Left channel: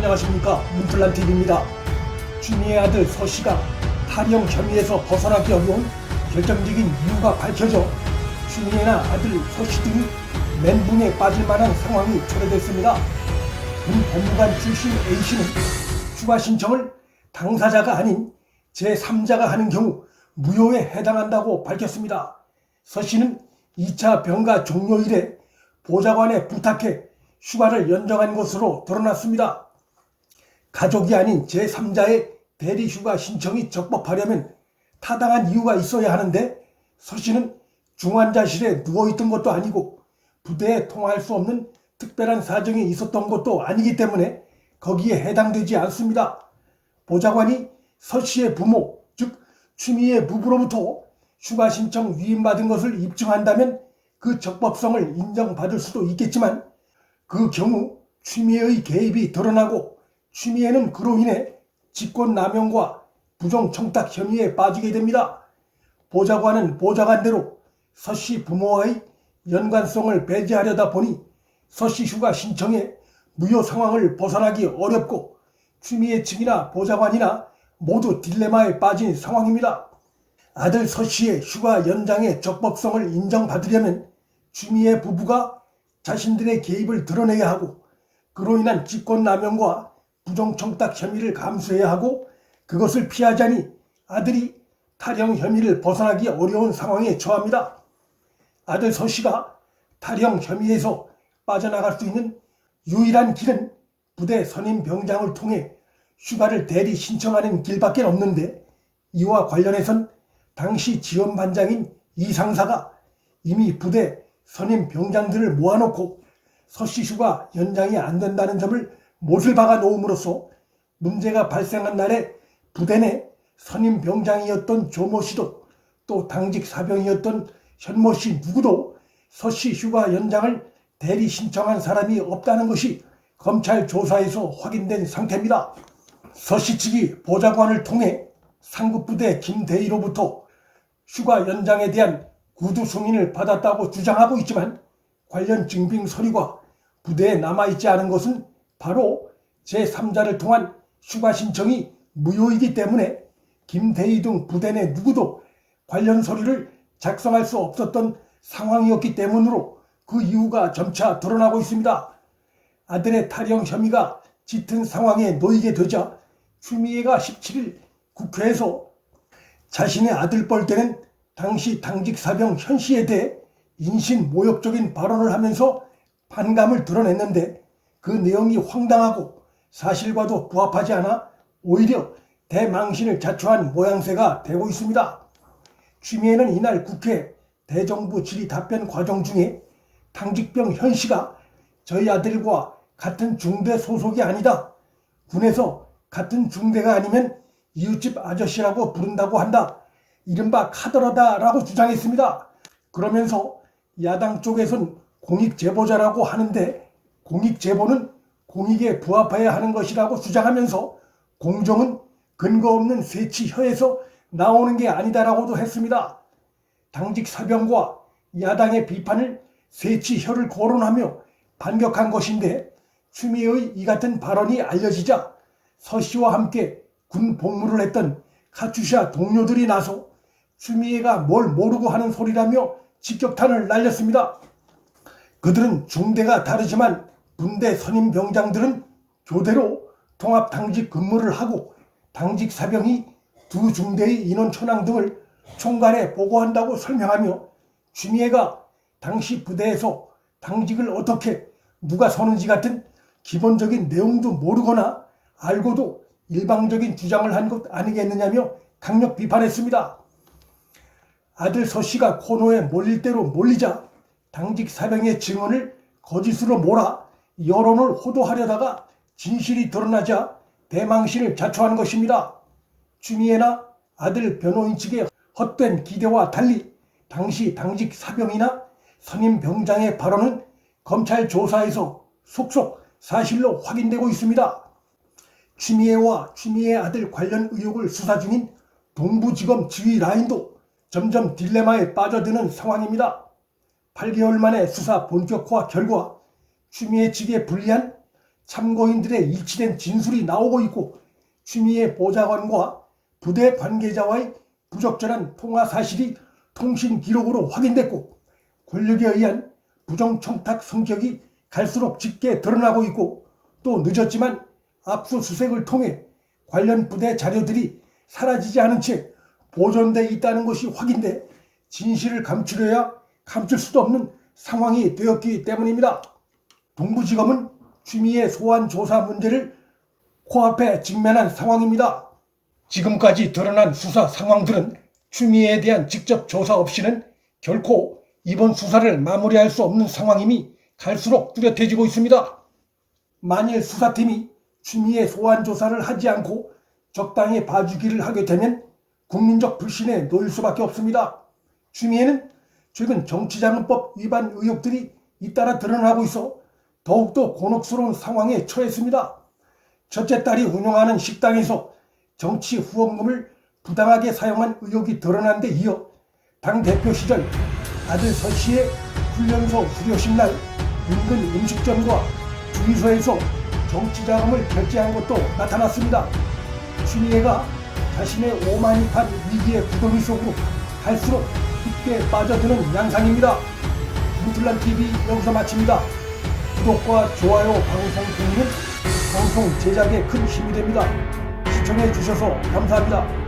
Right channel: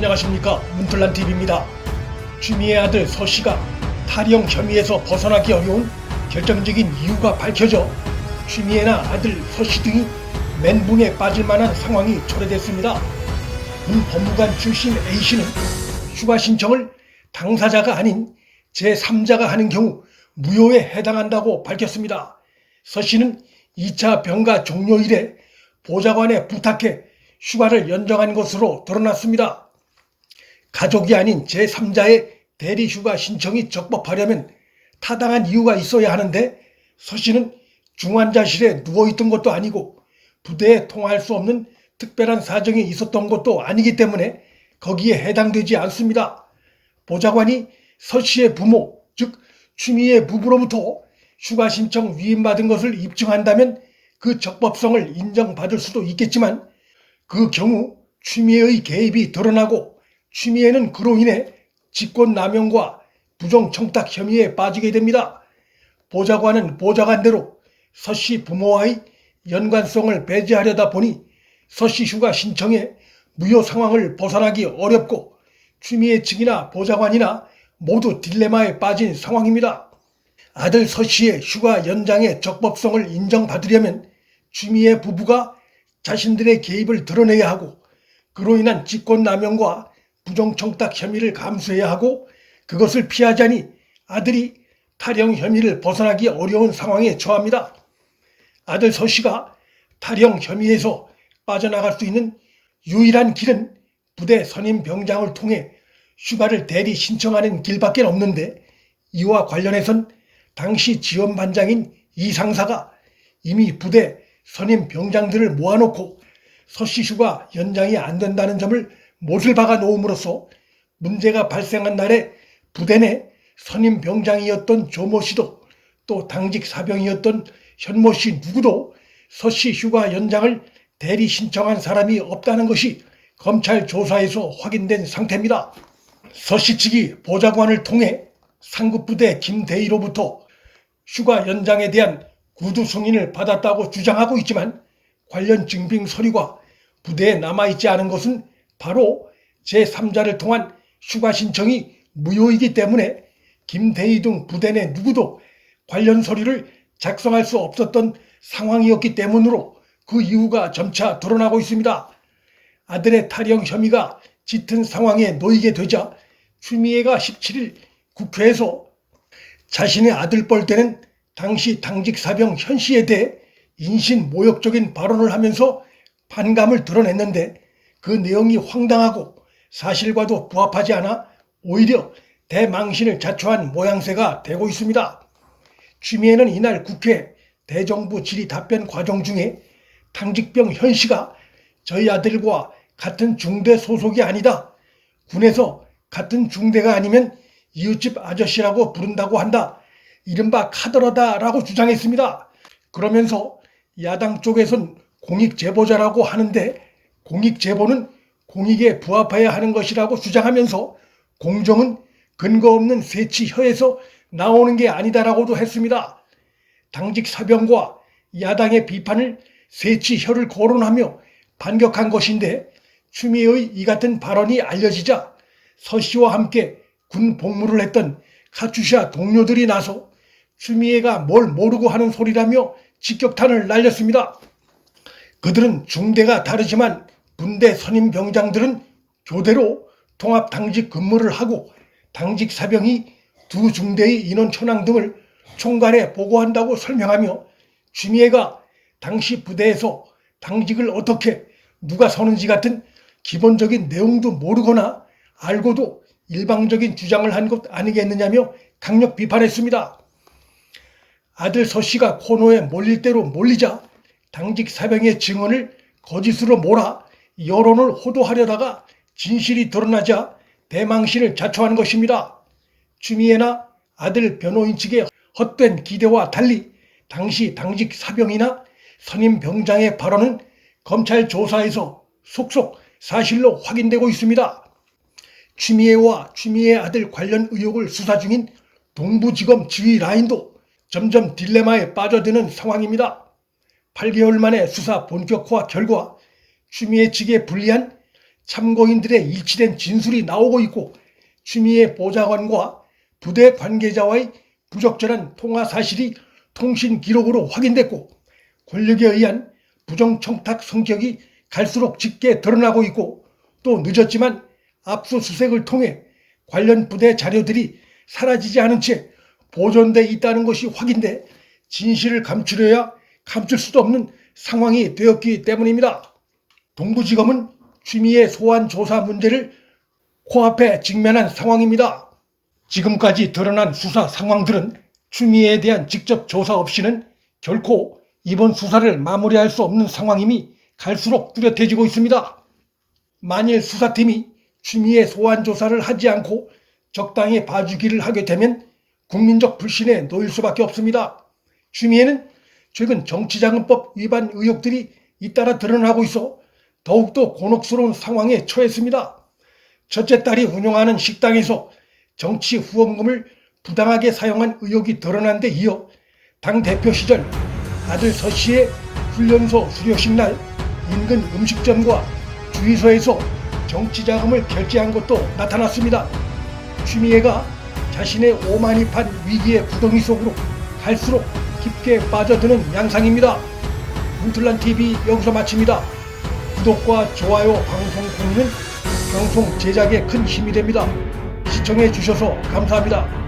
안녕하십니까, 문틀란TV입니다. 취미의 아들 서씨가 탈영 혐의에서 벗어나기 어려운 결정적인 이유가 밝혀져 취미애나 아들 서씨 등이 멘붕에 빠질 만한 상황이 초래됐습니다. 문 법무관 출신 A씨는 휴가 신청을 당사자가 아닌 제3자가 하는 경우 무효에 해당한다고 밝혔습니다. 서씨는 2차 병가 종료 이래 보좌관에 부탁해 휴가를 연장한 것으로 드러났습니다. 가족이 아닌 제3자의 대리휴가 신청이 적법하려면 타당한 이유가 있어야 하는데 서씨는 중환자실에 누워있던 것도 아니고 부대에 통화할 수 없는 특별한 사정이 있었던 것도 아니기 때문에 거기에 해당되지 않습니다. 보좌관이 서씨의 부모, 즉 취미의 부부로부터 휴가 신청 위임받은 것을 입증한다면 그 적법성을 인정받을 수도 있겠지만 그 경우 취미애의 개입이 드러나고 취미애는 그로 인해 직권남용과 부정청탁 혐의에 빠지게 됩니다. 보좌관은 보좌관대로 서씨 부모와의 연관성을 배제하려다 보니 서씨 휴가 신청에 무효 상황을 벗어나기 어렵고 취미애 측이나 보좌관이나 모두 딜레마에 빠진 상황입니다. 아들 서씨의 휴가 연장의 적법성을 인정받으려면 취미애 부부가 자신들의 개입을 드러내야 하고 그로 인한 직권남용과 부정청탁 혐의를 감수해야 하고 그것을 피하자니 아들이 탈영 혐의를 벗어나기 어려운 상황에 처합니다. 아들 서씨가 탈영 혐의에서 빠져나갈 수 있는 유일한 길은 부대 선임 병장을 통해 휴가를 대리 신청하는 길밖에 없는데 이와 관련해선 당시 지원반장인 이 상사가 이미 부대 선임 병장들을 모아놓고 서씨 휴가 연장이 안 된다는 점을 못을 박아 놓음으로써 문제가 발생한 날에 부대 내 선임 병장이었던 조모 씨도 또 당직 사병이었던 현모 씨 누구도 서씨 휴가 연장을 대리 신청한 사람이 없다는 것이 검찰 조사에서 확인된 상태입니다. 서씨 측이 보좌관을 통해 상급부대 김대희로부터 휴가 연장에 대한 구두 승인을 받았다고 주장하고 있지만 관련 증빙 서류가 부대에 남아있지 않은 것은 바로 제3자를 통한 휴가 신청이 무효이기 때문에 김대희 등 부대 내 누구도 관련 서류를 작성할 수 없었던 상황이었기 때문으로 그 이유가 점차 드러나고 있습니다. 아들의 탈영 혐의가 짙은 상황에 놓이게 되자 취미애가 17일 국회에서 자신의 아들 뻘 때는 당시 당직 사병 현 씨에 대해 인신모욕적인 발언을 하면서 반감을 드러냈는데 그 내용이 황당하고 사실과도 부합하지 않아 오히려 대망신을 자초한 모양새가 되고 있습니다. 취미애는 이날 국회 대정부 질의 답변 과정 중에 당직병 현 씨가 저희 아들과 같은 중대 소속이 아니다. 군에서 같은 중대가 아니면 이웃집 아저씨라고 부른다고 한다. 이른바 카더라다라고 주장했습니다. 그러면서 야당 쪽에선 공익제보자라고 하는데 공익제보는 공익에 부합해야 하는 것이라고 주장하면서 공정은 근거 없는 새치혀에서 나오는 게 아니다라고도 했습니다. 당직 사병과 야당의 비판을 새치혀를 거론하며 반격한 것인데 취미애의 이 같은 발언이 알려지자 서씨와 함께 군 복무를 했던 카투샤 동료들이 나서 취미애가 뭘 모르고 하는 소리라며 직격탄을 날렸습니다. 그들은 중대가 다르지만 군대 선임 병장들은 교대로 통합 당직 근무를 하고 당직 사병이 두 중대의 인원 천황 등을 총괄에 보고한다고 설명하며 취미애가 당시 부대에서 당직을 어떻게 누가 서는지 같은 기본적인 내용도 모르거나 알고도 일방적인 주장을 한 것 아니겠느냐며 강력 비판했습니다. 아들 서씨가 코너에 몰릴 대로 몰리자 당직 사병의 증언을 거짓으로 몰아 여론을 호도하려다가 진실이 드러나자 대망신을 자초한 것입니다. 취미애나 아들 변호인 측의 헛된 기대와 달리 당시 당직 사병이나 선임 병장의 발언은 검찰 조사에서 속속 사실로 확인되고 있습니다. 취미애와 취미애 아들 관련 의혹을 수사 중인 동부지검 지휘 라인도 점점 딜레마에 빠져드는 상황입니다. 8개월 만에 수사 본격화 결과 취미애 측에 불리한 참고인들의 일치된 진술이 나오고 있고 추미애 보좌관과 부대 관계자와의 부적절한 통화 사실이 통신 기록으로 확인됐고 권력에 의한 부정청탁 성격이 갈수록 짙게 드러나고 있고 또 늦었지만 압수수색을 통해 관련 부대 자료들이 사라지지 않은 채 보존돼 있다는 것이 확인돼 진실을 감추려야 감출 수도 없는 상황이 되었기 때문입니다. 동부지검은 추미애 소환 조사 문제를 코앞에 직면한 상황입니다. 지금까지 드러난 수사 상황들은 추미애에 대한 직접 조사 없이는 결코 이번 수사를 마무리할 수 없는 상황임이 갈수록 뚜렷해지고 있습니다. 만일 수사팀이 추미애 소환 조사를 하지 않고 적당히 봐주기를 하게 되면 국민적 불신에 놓일 수밖에 없습니다. 추미애는 최근 정치자금법 위반 의혹들이 잇따라 드러나고 있어 더욱더 곤혹스러운 상황에 처했습니다. 첫째 딸이 운영하는 식당에서 정치 후원금을 부당하게 사용한 의혹이 드러난 데 이어 당대표 시절 아들 서 씨의 훈련소 수료식 날 인근 음식점과 주유소에서 정치자금을 결제한 것도 나타났습니다. 추미애가 자신의 오만이판 위기의 구덩이 속으로 갈수록 깊게 빠져드는 양상입니다. 문틀란TV 여기서 마칩니다. 구독과 좋아요, 방송 공유는 방송 제작에 큰 힘이 됩니다. 시청해 주셔서 감사합니다.